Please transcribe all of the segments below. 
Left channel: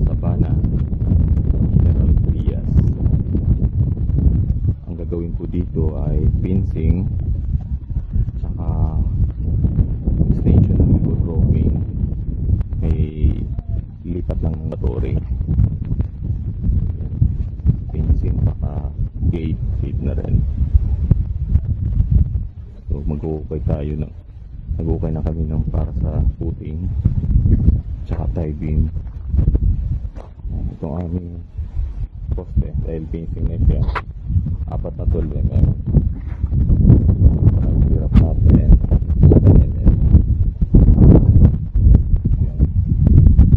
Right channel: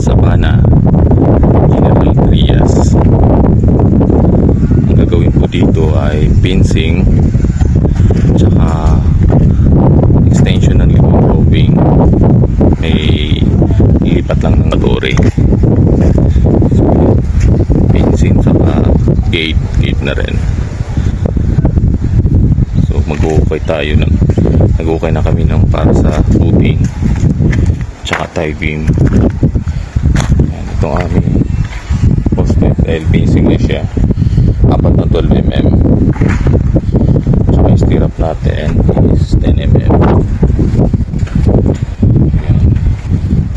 Sabana, General Trias. Ang gagawin po dito ay fencing tsaka extension ng libong roving. May ilipat lang ng matore. So, fencing tsaka gate na rin. So mag-uukay tayo ng nag-uukay na kami ng para sa footing tsaka tie beam. Yan, itong aming poste dahil fencing na siya, apat na 12mm, tsaka yung stirrup natin is 10mm. Yan.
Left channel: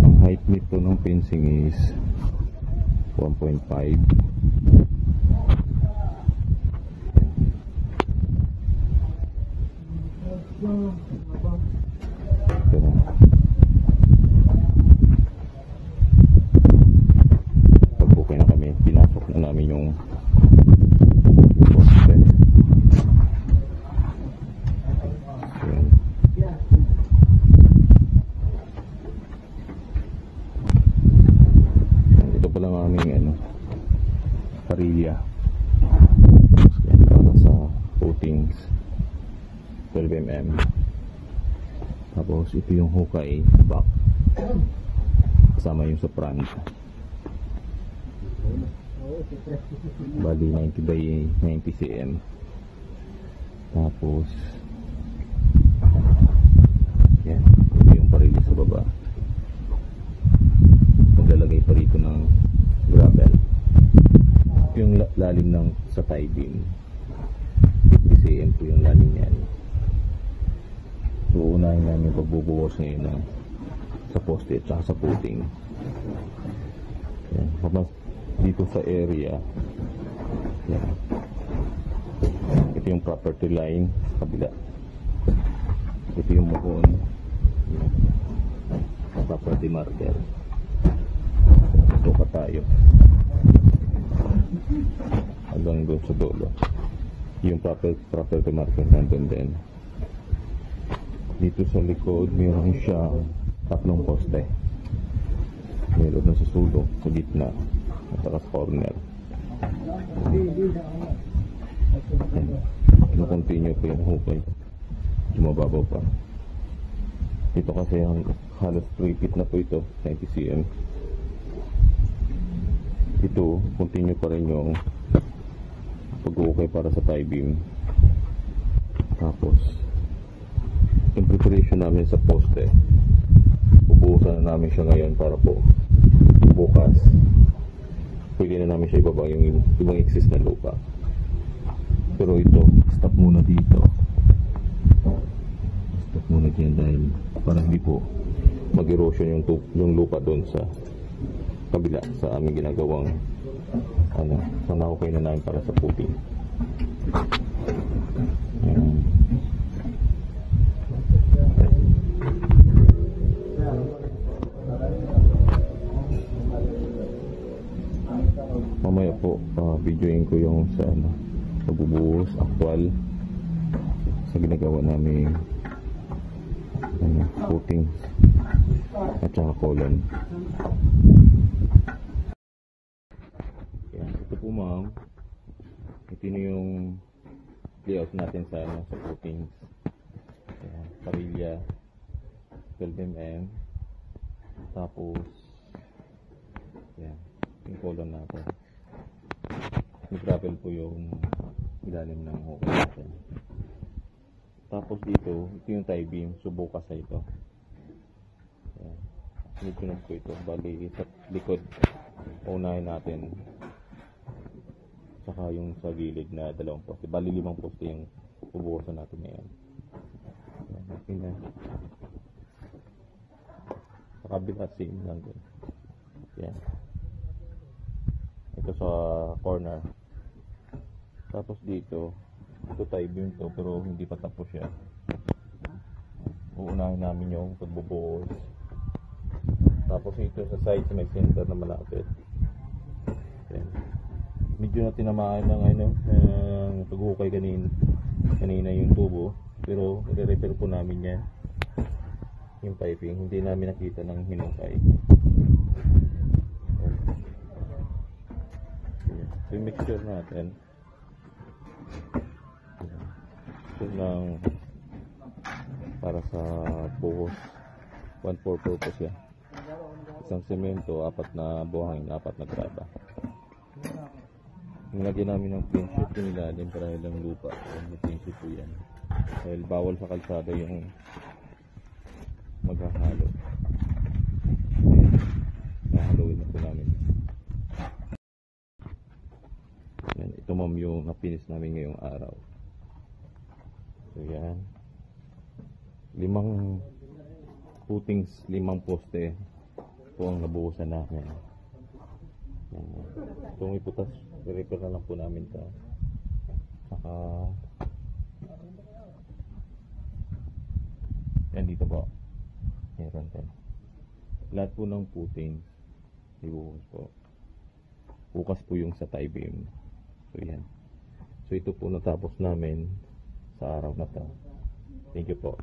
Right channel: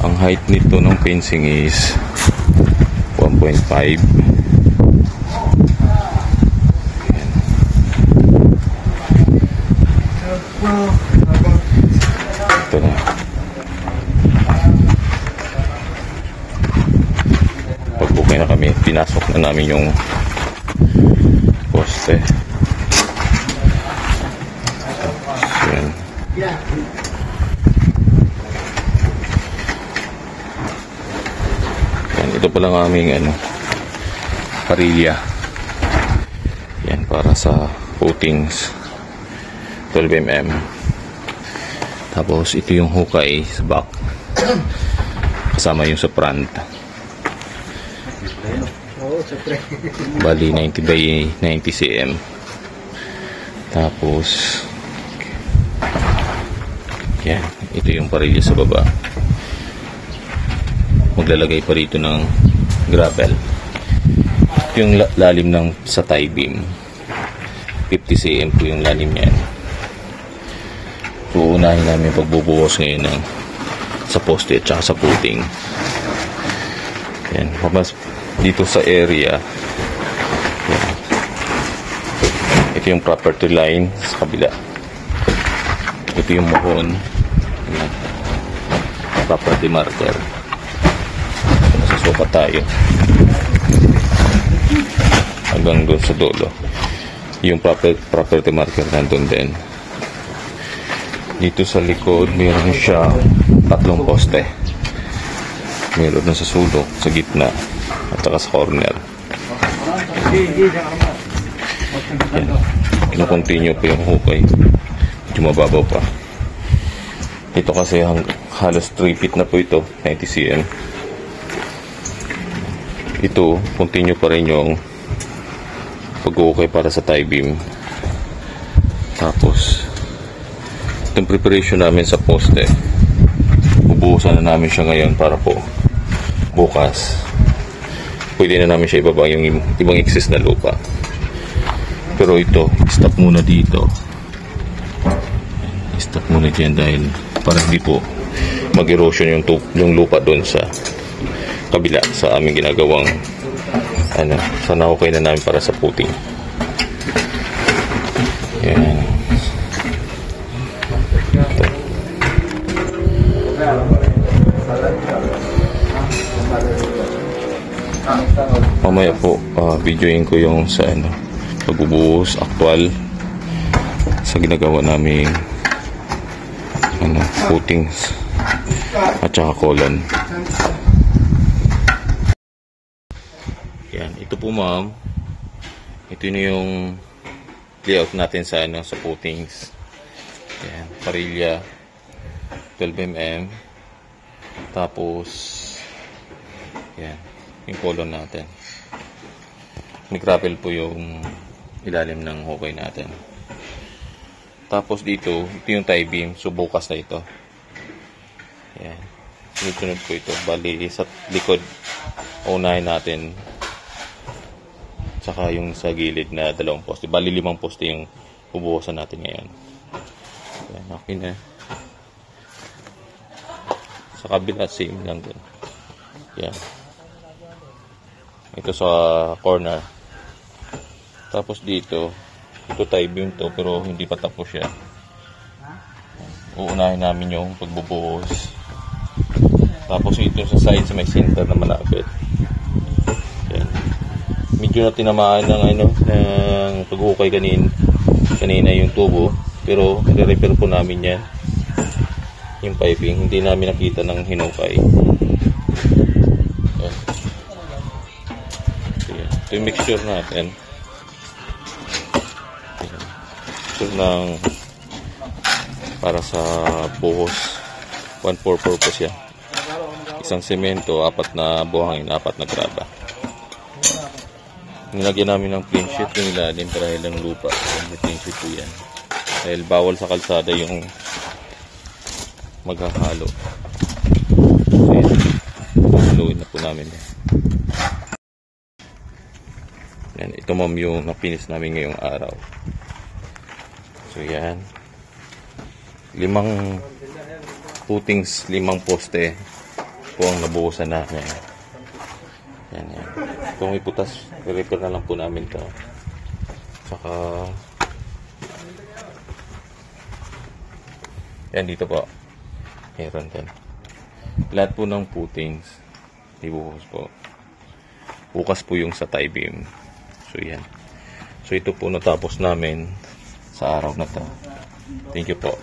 Ang height nito ng fencing is 1.5. Ito na. Pag-bukay na kami, pinasok na namin yung poste. So, yan. Yan, ito pa lang aming parilya. Yan, para sa footings 12mm. Tapos ito yung hukay sa back kasama yung sa front. Bali 90 by 90 cm. Tapos yan, ito yung parilya sa baba. Maglalagay pa rito ng gravel. Ito yung lalim ng sa tie beam, 50 cm po yung lalim niyan. Uunahin namin pagbubuhos ngayon ng sa poste at saka sa footing. Yan, mas dito sa area. Yan. Ito yung property line sa kabila. Ito yung mohon. Yan. Property marker. Masasukat tayo hanggang doon sa dulo. Yung property marker nandun din. Dito sa likod meron siya 3 poste. Meron na sa sulok, sa gitna at saka sa corner. Yan. Kino-continue pa yung hukay. Medyo mababaw pa. Ito kasi halos 3 feet na po ito, 90 cm. Ito, continue pa rin yung pag-hukay para sa tie beam. Tapos itong preparation namin sa poste, bubuhusan na namin siya ngayon para po bukas pwede na namin siya ibaba yung ibang excess na lupa. Pero ito, stop muna dito, stop muna dyan dahil para hindi po mag-erosion yung lupa doon sa kabila sa aming ginagawang sa nahukay na namin para sa footing. Yan. Mamaya po videoin ko yung sa pagbubuhos actual sa ginagawa namin footings at saka colon. Yan, ito po ma'am, ito na yung layout natin sa sa footings. Yan, parilya 12mm. Tapos yan, yung colon natin. Ni-gravel po yung ilalim ng hukay natin. Tapos dito, ito yung tie beam. So bukas na ito. Yan. Sunod-sunod po ito. Bali sa likod, unahin natin. Tsaka yung sa gilid na 2 poste. Bali 5 poste yung bubuhusan natin ngayon. Yan, okay na. Sa kabila, same lang din. Yan. Ito sa corner. Tapos dito, ito tie beam to pero hindi pa tapos siya. Uunahin namin yung pagbubuhos. Tapos ito sa side sa may center na malapit. Yan. Medyo na tinamaan ng ng paghukay kanina yung tubo, pero i-repair po namin yan. Yung piping, hindi namin nakita ng hinukay. Ito yung mixture natin. Mixture ng para sa buhos. 1-4 purpose yan. Isang semento, 4 na buhangin, 4 na graba. Nilagyan namin ng plain sheet yung ilalim dahil ng lupa. May plain sheet po yan. Dahil bawal sa kalsada yung maghahalo. So yan. Haluin na po namin yan. Yan. Ito ma'am yung napinis namin ngayong araw. So yan. 5 footings, 5 poste po ang nabuhusan namin. Yan, yan. Kung iputas, i-repair na lang po namin ito. Saka yan dito po. Meron din. Lahat po ng footings ibuhos po. Bukas po yung sa tie beam. So yan. So ito po natapos namin sa araw na to. Thank you po.